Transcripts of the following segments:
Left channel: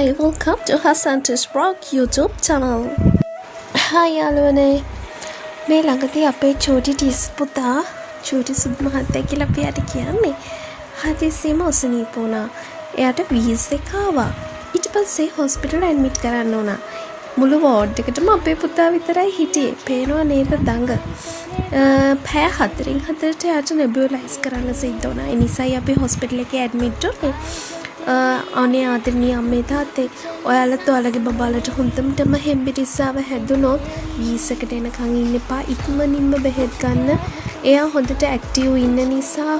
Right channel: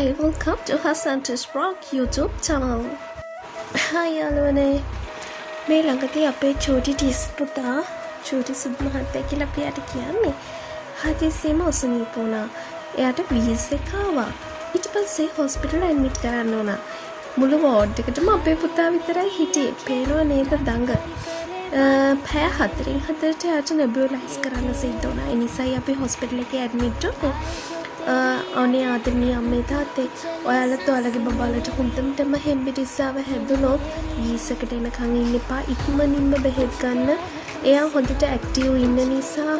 Hi, welcome to Hassan's Rock YouTube channel. Hi යාළුවනේ. මේ ළඟදී අපේ චූටි ටිස් පුතා චූටි සුබ් මහත්තයා කියලා අපි යට කියන්නේ. හදිසියෙම ඔසනීප වුණා. එයාට වීස් එක ආවා. ඊට පස්සේ හොස්පිටල් ඇඩ්මිට් කරන්න වුණා. මුළු වෝඩ් එකටම අපේ පුතා විතරයි හිටියේ. පේනවා නේද දඟ. පැය 4න් 4ට යාට නෙබියුලයිස් කරන්න සිද්ධ වුණා. ඒ නිසායි අපි හොස්පිටල් එකේ ඇඩ්මිට් වුණේ. අනේ ආදරණීය අම්මේ තාත්තේ ඔයාලත් ඔයාලගේ බබාලට හොඳටම හෙම්බිරිස්සාව හැදුනොත් වීසකට එනකන් ඉන්න එපා. ඉක්මනින්ම බෙහෙත් ගන්න. එයා හොඳට ඇක්ටිව් ඉන්න නිසා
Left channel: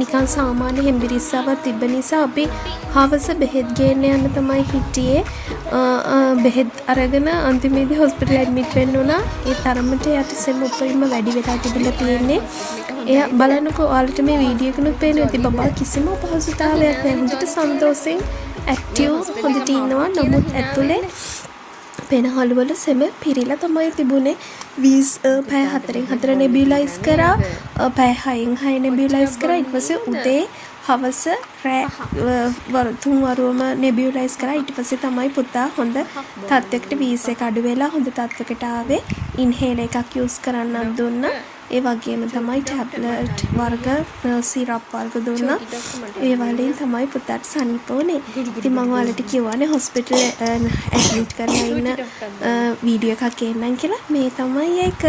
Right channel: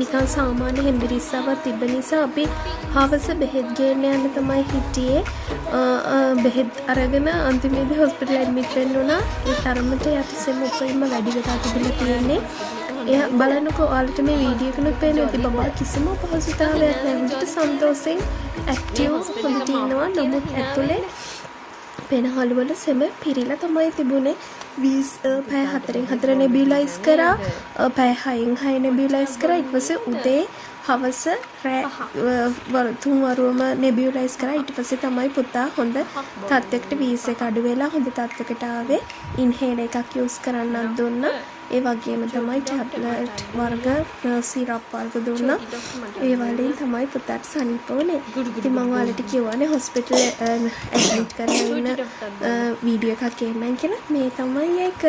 නිකන් සාමාන්‍ය හෙම්බිරිස්සාවක් තිබ්බ නිසා අපි හවස බෙහෙත් ගේන්න යන්න තමයි හිටියේ. බෙහෙත් අරගෙන අන්තිමේදී හොස්පිටල් ඇඩ්මිට් වෙන්න වුණා. ඒ තරමට යට සෙම උපරිම වැඩි වෙලා තිබුණේ තියෙන්නේ. එයා බලන්නකෝ ඔයාලට මේ වීඩියෝ එකේ පේන්නේ ඉතින් බබා කිසිම අපහසුතාවයක් නැහැ. හොඳට සන්තෝෂෙන් ඇක්ටිව් හොඳට ඉන්නවා. නමුත් ඇතුලේ පෙනහළුවල සෙම පිරීලා තමයි තිබුණේ. වීස් පැය 4න් 4 නෙබියුලයිස් කරා. පැය 6න් 6 නෙබියුලයිස් කරා. ඊට පස්සේ උදේ හවස තුන් වරුවම නෙබියුලයිස් කරා. ඊට පස්සේ තමයි පුතා හොඳ තත්ත්වයකට වීස් එක අඩු වෙලා හොඳ තත්ත්වයකට ආවේ. ඉන්හේලර් එකක් යූස් කරන්නත් දුන්නා. ඒ වගේම තමයි ටැබ්ලට් වර්ග සිරප් වර්ග දුන්නා. ඒ වලින් තමයි පුතාට සනීප වුණේ. ඉතින් මම ඔයාලට කිව්වනේ හොස්පිටල් ඇඩ්මිට් කරලා ඉන්න වීඩියෝ එකක් ගේන්නම් කියලා. මේ තමයි ඒක.